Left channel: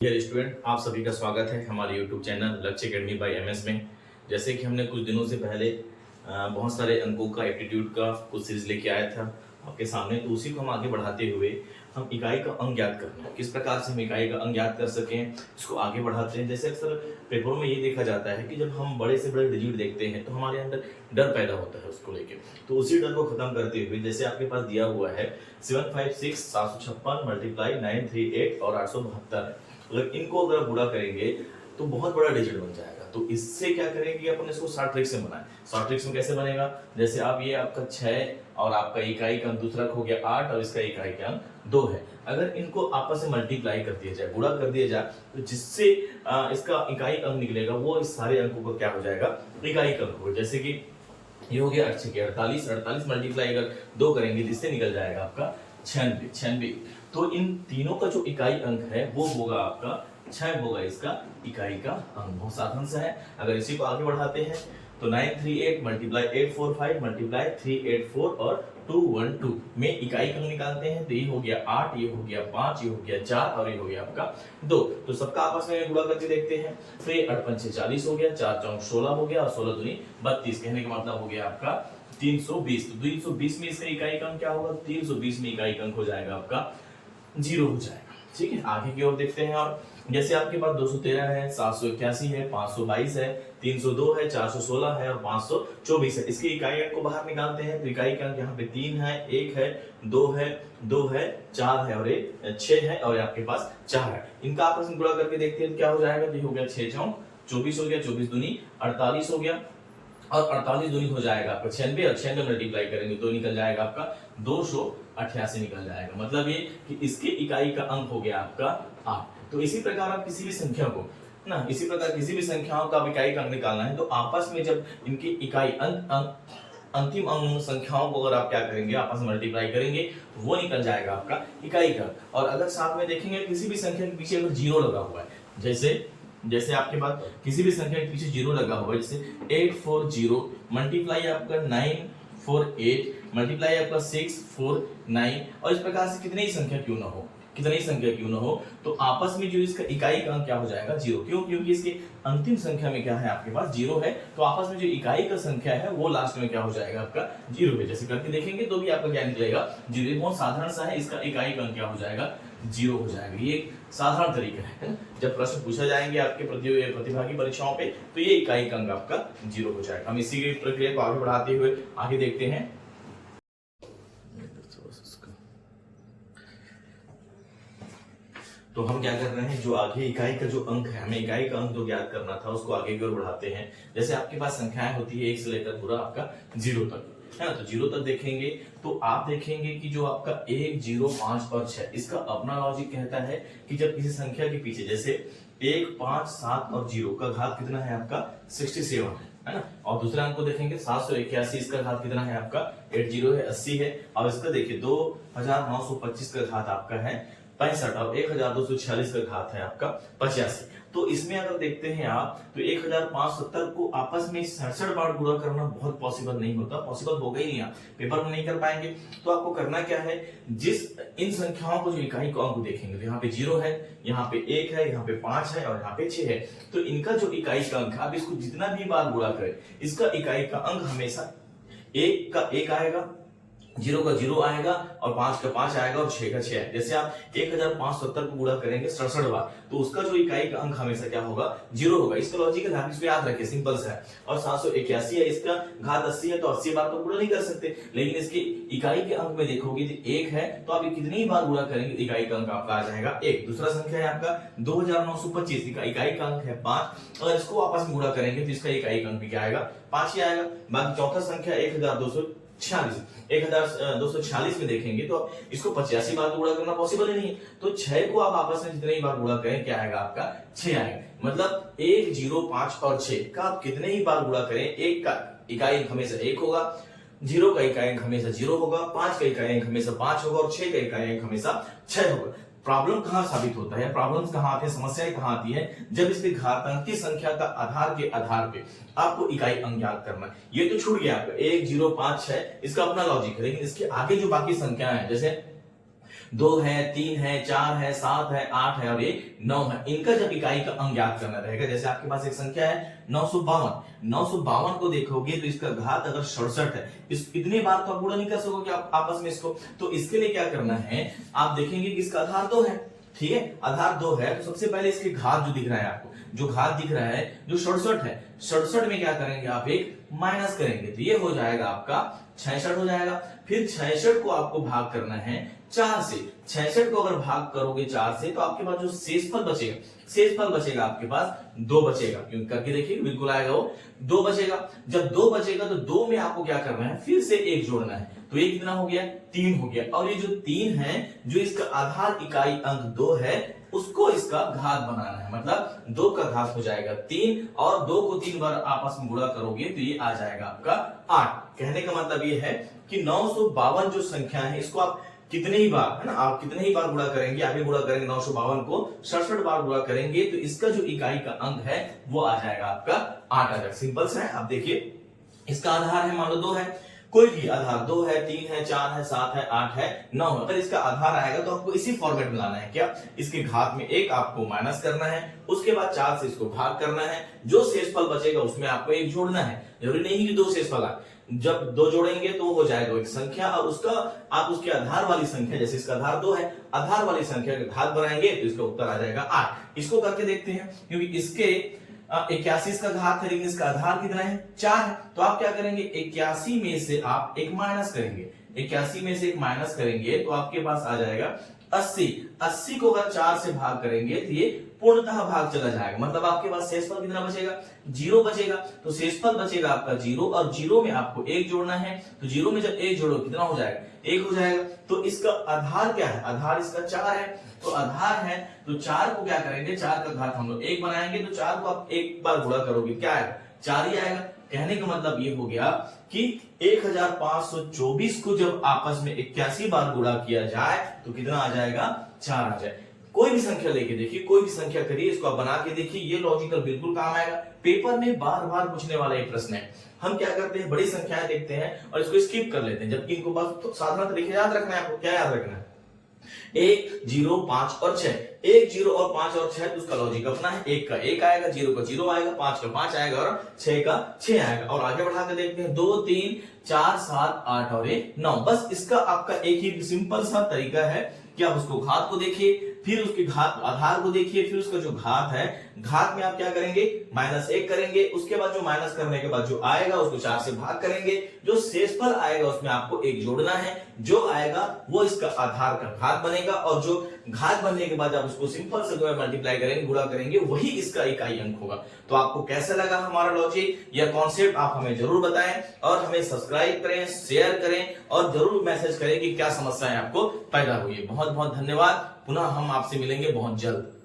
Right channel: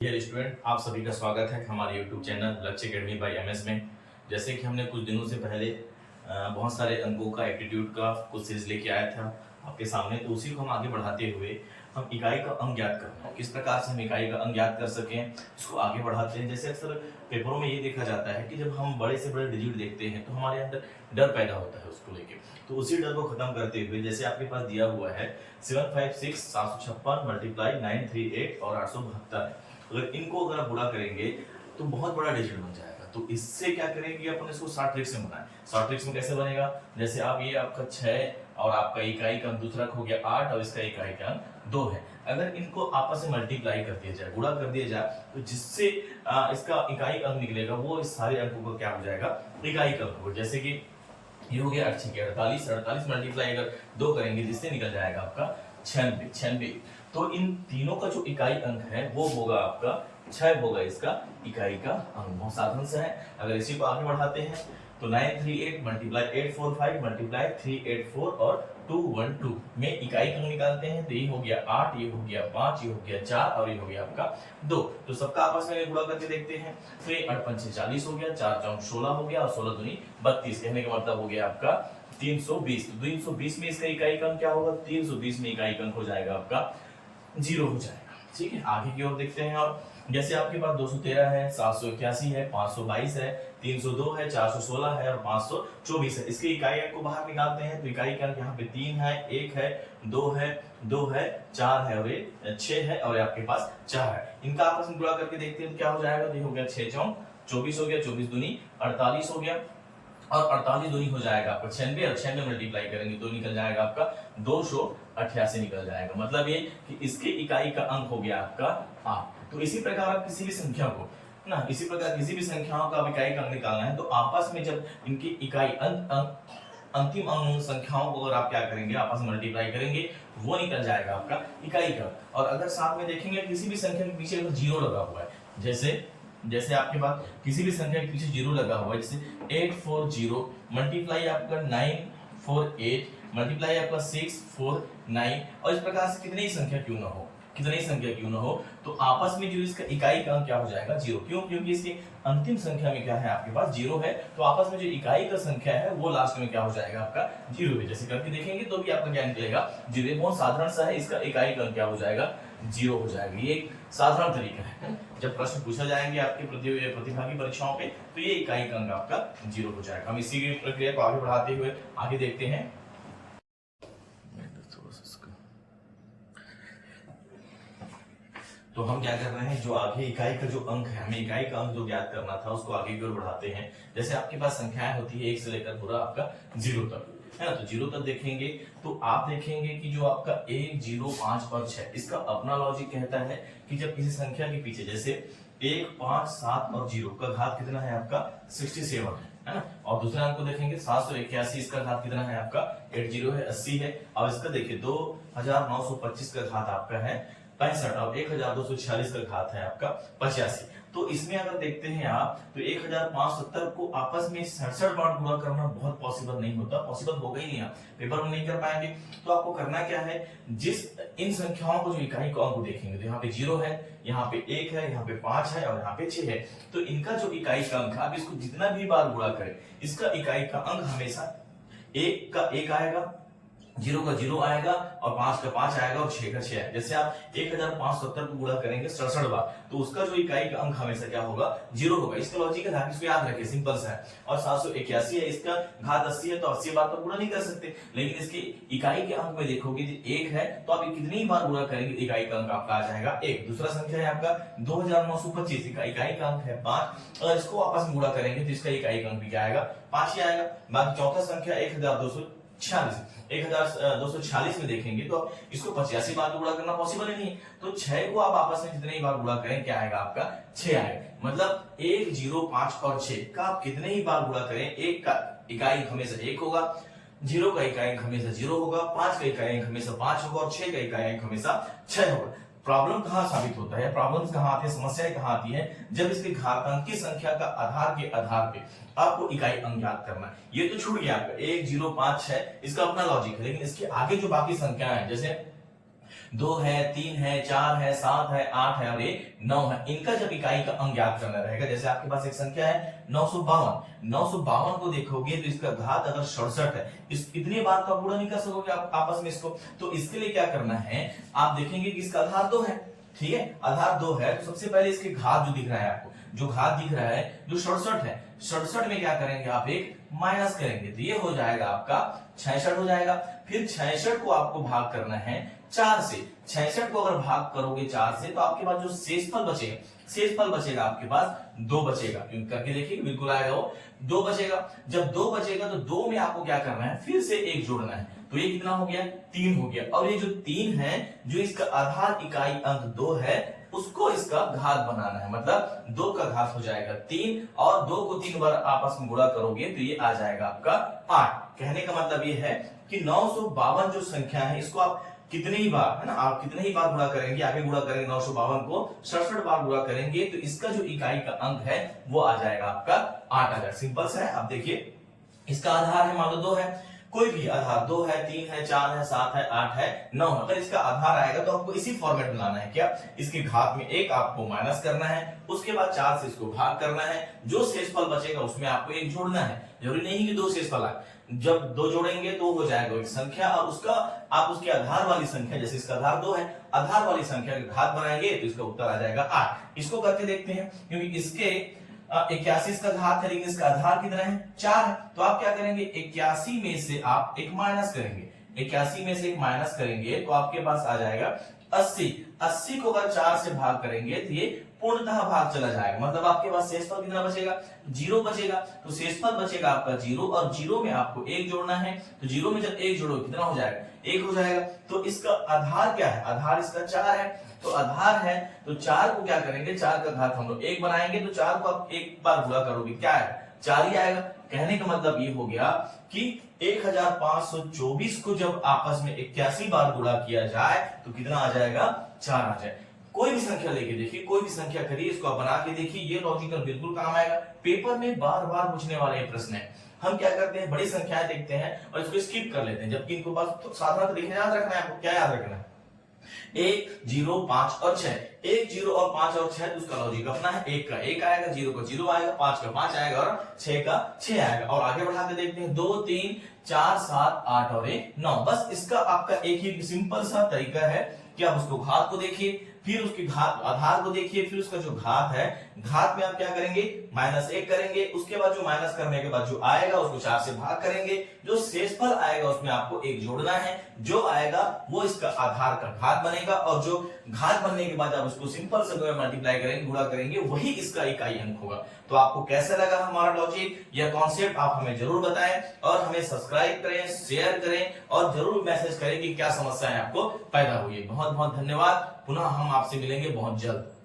Dear student, आप सभी का स्वागत है हमारे यूट्यूब चैनल लक्ष्य अकेडमी बाय एमएस में। जैसे कि हमने कुछ दिनों से पहले बहुत सारे अंकों का एप्टीट्यूड का कुछ सीरीज लेके आया था आपके सामने, तो उसी को हम आगे बढ़ाते हुए हम इकाई का अंक ज्ञात करना है, किस प्रकार से हम इकाई का अंक ज्ञात कर सकें इसको आगे बढ़ाते हैं। जैसे अक्सर पेपरों में ये देखा जाता है कि जब हम बड़े से बड़े डिजिट देखते हैं तो हमारे अंदर डर पैदा होता है उसको लेके, तो उसी डर को खत्म करते हुए जैसे आपके पास दिया हुआ है 756 756 मल्टीप्लाई 938 और 872 है। अगर इनको अगर गुणा करेंगे तो बहुत बड़ा डिजिट बन जाएगा। तो इससे क्या करेंगे, अपन इसको शॉर्ट ट्रिक्स में बनाएं। शॉर्ट ट्रिक्स में कैसे बनेगा, जैसे आप ये आपका 6 और आपका इकाई का अंक दूसरा हो गया 8 और इसका इकाई का अंक 2 है। अगर इनको आपस में मल्टीप्लाई कर दिया जाए, गुणा कर दिया जाए, तो जिससे इसका इकाई अंक निकलेगा वो इस सारे अंकों का क्या हो जाएगा, इकाई का अंक होगा। जैसे कि ये हो गया 48 48 मल्टीप्लाई अगर 2 करेंगे जिससे निकल जाएगा आपका 96। तो इन तीनों का जो इकाई अंक है वो होगा आपका 6 होगा इसका इकाई का अंक। बहुत साधारण सा है। अगर इसी को आगे बढ़ाते हैं तो 938 मल्टीप्लाई 845 मल्टीप्लाई 384 और 212 में इकाई का अंक निकालते हैं। तो ये हो गया 8, ये हो गया 5, ये हो गया 4 और ये हो गया आपका 2। तो सबका आपस में गुणा करके देखते हैं। तो ये 8 पंचे 40 हो गया, 4 चौक 16 हो गया और 16 दूनी 32। कहने का मतलब हो गया आपका 320। तो 320 में इसका इकाई का अंक क्या होगा, 320 में इकाई का अंक हो जाएगा आपका 0 हो जाएगा। ठीक है, आगे की ओर देखते हैं। और जैसे आपके पास 213 है, 781 है, 522 है, 302 है, 416 है और 524 है। इसके इकाई अंक को बाहर निकालते हैं तो इकाई का अंक यहाँ पे 3 है, 1 है, 2 है, 2 है, 4 है और 6 है और आपके पास 4 है। इनका आपस में गुणा करके देखते हैं क्या हो जाएगा। तो हो गया 6 चौक 24 हो गया, 24 दूनी 48 हो गया और 48 दूनी हो जाएगा आपका 96 और 96 मल्टीप्लाई करेंगे तो निकल जाएगा आपका 288 निकल जाएगा। मतलब ये कि इसके इकाई का अंक हो गया आपका 8। तो इसी प्रकार आप किसी भी संख्या को ना, इसी प्रकार किसी भी संख्याओं का इकाई का अंक निकालना है तो आपस में जब इनकी इकाई अंतिम अंक संख्याओं को अगर आप क्या करेंगे, आपस में मल्टीप्लाई करेंगे, वो निकल जाएगा आपका इकाई का। और अगर साथ में देखेंगे किसी भी संख्या के पीछे अगर 0 लगा हुआ है, जैसे आपके पास किसी भी संख्या के पीछे 0 लगा हुआ है, जैसे 840 मल्टीप्लाई आपका 948 मल्टीप्लाई आपका 649 और इस प्रकार से कितनी ही संख्या क्यों ना हो, तो आपस में जो इसका इकाई का अंक क्या हो जाएगा 0। क्यों? क्योंकि इसकी अंतिम संख्या में क्या है, आपके पास 0 है। तो आपस में जो इकाई का संख्या है वो लास्ट में क्या हो जाएगा, आपका 0 है। जैसे करके देखेंगे तो भी आपका क्या निकलेगा 0। बहुत साधारण सा है, इसका इकाई का अंक क्या हो जाएगा 0 हो जाएगा। ये एक साधारण तरीका है। जब प्रश्न पूछा जाएंगे आपके प्रतिभागी परीक्षाओं पे तो ये इकाई का अंक आपका 0 हो जाएगा। हम इसी की प्रक्रिया को आगे बढ़ाते हुए आगे देखते हैं। तो हम क्या कर रहे हैं, जो आगे इकाई का जो अंक है, हमें इकाई का अंक जो ज्ञात करना था उसको आगे की ओर बढ़ाते हैं। जैसे आपके पास संख्याएं होती है 1 से लेकर पूरा आपका 0 तक है ना, तो 0 तक देखेंगे तो आप देखेंगे कि जो आपका 1, 0, 5 और 6 इसका अपना लॉजिक कहता है कि जब किसी संख्या के पीछे जैसे 1, 5, 7 और 0 का घात कितना है आपका 67 है ना, और दूसरे अंक को देखेंगे 781 इसका घात कितना है आपका 80 है 80 है, और इसका देखिए 2925 का घात आपका है 65 और 1246 का घात है आपका 85। तो इसमें अगर देखते हैं आप तो 1570 को आपस में 67 बार गुणा करना बहुत पॉसिबल नहीं होता, पॉसिबल होगा ही नहीं, आप पेपर में नहीं कर पाएंगे। तो आपको करना क्या है, जिस इन संख्याओं को जो इकाई को अंक देखेंगे तो यहाँ पे 0 है, यहाँ पे 1 है, यहाँ पे 5 है और यहाँ पे 6 है। तो इनका जो इकाई का अंक है, आप इसको जितना भी बार गुणा करें इसका इकाई का अंक हमेशा 1 का 1 आएगा, 0 का 0 आएगा और 5 का 5 आएगा और 6 का 6 आएगा। जैसे आप 1570 को गुणा करेंगे 67 बार तो उसका जो इकाई का अंक हमेशा क्या होगा 0 होगा। इसका लॉजिक है, इसको याद रखें, सिंपल सा है। और 781 है, इसका घात 80 है तो 80 बार तो गुणा नहीं कर सकते, लेकिन इसकी इकाई के अंक में देखोगे 1 है तो आप कितनी बार गुणा करेंगे इकाई का अंक आपका आ जाएगा 1। दूसरा संख्या है आपका 2925 का इकाई का अंक है 5 और इसको आपस में गुणा करेंगे तो इसका इकाई का अंक भी क्या आएगा 5 ही आएगा। बाकी चौथा संख्या 1246 में देखेंगे तो इसको 85 बार गुणा करना पॉसिबल ही नहीं है, तो 6 को आप आपस में जितने ही बार गुणा करें क्या आएगा आपका 6 आएगा। मतलब 1, 0, 5 और 6 का आप कितने ही बार गुणा करें 1 का इकाई हमेशा 1 होगा, 0 का इकाई हमेशा 0 होगा, 5 का इकाई हमेशा 5 होगा और 6 का इकाई हमेशा 6 होगा। प्रॉब्लम कहां साबित होता है, प्रॉब्लम्स कहां आती है, समस्याएं कहां आती है, जब इसके घातांक की संख्या का आधार के आधार पे आपको इकाई अंक ज्ञात करना है। ये तो छूट गया आपका 1, 0, 5, 6 इसका अपना लॉजिक है, लेकिन इसके आगे जो बाकी संख्याएं हैं जैसे 2 है, 3 है, 4 है, 7 है, 8 है और ये 9 है। इनका जब इकाई का अंक ज्ञात करना रहेगा, जैसे आपके पास एक संख्या है 952 को देखोगे तो इसका घात अगर 67 है, इस इतनी बार तो आप गुणा नहीं कर सकोगे आप आपस में इसको, तो इसके लिए क्या करना है, आप देखेंगे कि इसका आधार 2 है, ठीक है, आधार 2 है, तो सबसे पहले इसके घात जो दिख रहा है आपको, जो घात दिख रहा है जो 67 है, 67 में क्या करेंगे आप एक माइनस करेंगे, तो ये हो जाएगा आपका 66 हो जाएगा। फिर 66 को आपको भाग करना है 4 से, 66 को अगर भाग करोगे 4 से तो आपके पास जो शेषफल बचेगा, शेषफल बचेगा आपके पास 2 बचेगा, क्योंकि करके देखिए बिल्कुल आएगा वो 2 बचेगा। जब 2 बचेगा तो 2 में आपको क्या करना है, फिर से 1 जोड़ना है, तो ये कितना हो गया, 3 हो गया। और ये जो 3 है, जो इसका आधार इकाई अंक 2 है, उसको इसका घात बनाना है, मतलब 2 का घात हो जाएगा 3 और 2 को 3 बार आपस में गुणा करोगे तो ये आ जाएगा आपका 8। कहने का मतलब ये है कि 952 जो संख्या है, इसको आप कितने ही बार, है ना, आप कितने ही बार गुणा करेंगे, आगे गुणा करेंगे 952 को 67 बार गुणा करेंगे तो इसका जो इकाई का अंक है वो आ जाएगा आपका 8 आ जाएगा। सिंपल सा है। आप देखिए इसका आधार है मान लो 2 है, कोई भी आधार 2 है, 3 है, 4 है, 7 है, 8 है, 9 है, अगर इसका आधार आएगा तो आपको इसी फॉर्मेट में लाना है, क्या, इसके घात में 1 आपको माइनस करना है, उसके बाद 4 से इसको भाग करना है, जो शेषफल बचेगा उसमें आपको 1 जोड़ना है, जरूरी नहीं कि 2 शेषफल आए, जब 2 जोड़ेंगे तो हो जाएगा एक संख्या और उसका आप उसके आधार वाली संख्या, जैसे इसका आधार 2 है, आधार वाली संख्या का घात बनाएंगे तो इसका उत्तर आ जाएगा 8। इसको करके देखते हैं, क्योंकि इसके 81 का घात है लेकिन इसका आधार कितना है, 4 है, तो आप क्या करेंगे 81 में से आप एक माइनस करेंगे, 81 में से एक माइनस करेंगे तो आपके पास आ जाएगा 80। 80 को अगर 4 से भाग करेंगे तो ये पूर्णतः भाग चला जाएगा, मतलब आपके पास शेषफल कितना बचेगा, 0 बचेगा, तो शेषफल बचेगा आपका 0 और 0 में आपको 1 जोड़ना है, तो 0 में जब 1 जोड़ो कितना हो जाएगा, 1 हो जाएगा। तो इसका आधार क्या है, आधार इसका 4 है, तो आधार है तो 4 को क्या करेंगे, 4 का घात हम लोग 1 बनाएंगे, तो 4 को आप एक बार गुणा करोगे क्या आएगा, 4 ही आएगा। कहने का मतलब ये हो गया कि 1524 को जब आपस में 81 बार गुणा किया जाए तो कितना आ जाएगा, 4 आ जाए। कोई भी संख्या लेके देखिए, कोई भी संख्या करिए, इसको आप बना के देखिए, ये लॉजिकल बिल्कुल काम आएगा। पेपर में बार बार पूछने वाला एक प्रश्न है। हम क्या करते हैं, बड़ी संख्याएं देखते हैं और इसको स्किप कर लेते हैं, जबकि इनको बस तो साधारण तरीके याद रखना है। आपको क्या याद रखना है, 1, 0, 5 और 6, 1, 0 और 5 और 6, उसका लॉजिक अपना है, 1 का 1 आएगा, 0 का 0 आएगा, 5 का 5 आएगा और 6 का 6 आएगा। और आगे बढ़ा के देखते हैं 2, 3, 4, 7, 8 और 9। बस इसका आपका एक ही सिंपल सा तरीका है कि आप उसको घात को देखिए, फिर उसके घात आधार को देखिए, फिर उसका जो घात है, घात में आप क्या करेंगे, -1 करेंगे, उसके बाद जो माइनस करने के बाद जो आएगा उसको 4 से भाग करेंगे, जो शेषफल आएगा उसमें आपको 1 जोड़ना है, जो आएगा वो इसका आधार का घात बनेगा, और जो घात बनने के बाद आप उसको सिंपल से मल्टीप्लाई करेंगे, गुणा करेंगे, वही इसका इकाई अंक होगा। तो आपको कैसा लगा हमारा लॉजिक या कॉन्सेप्ट, आप हमें जरूर बताएं और हमें सब्सक्राइब करें, शेयर करें और जरूर मैसेज करें कि क्या समस्याएं आपको पैदा हुई है। बहुत बहुत धन्यवाद। पुनः हम आपसे मिलेंगे बहुत जल्द।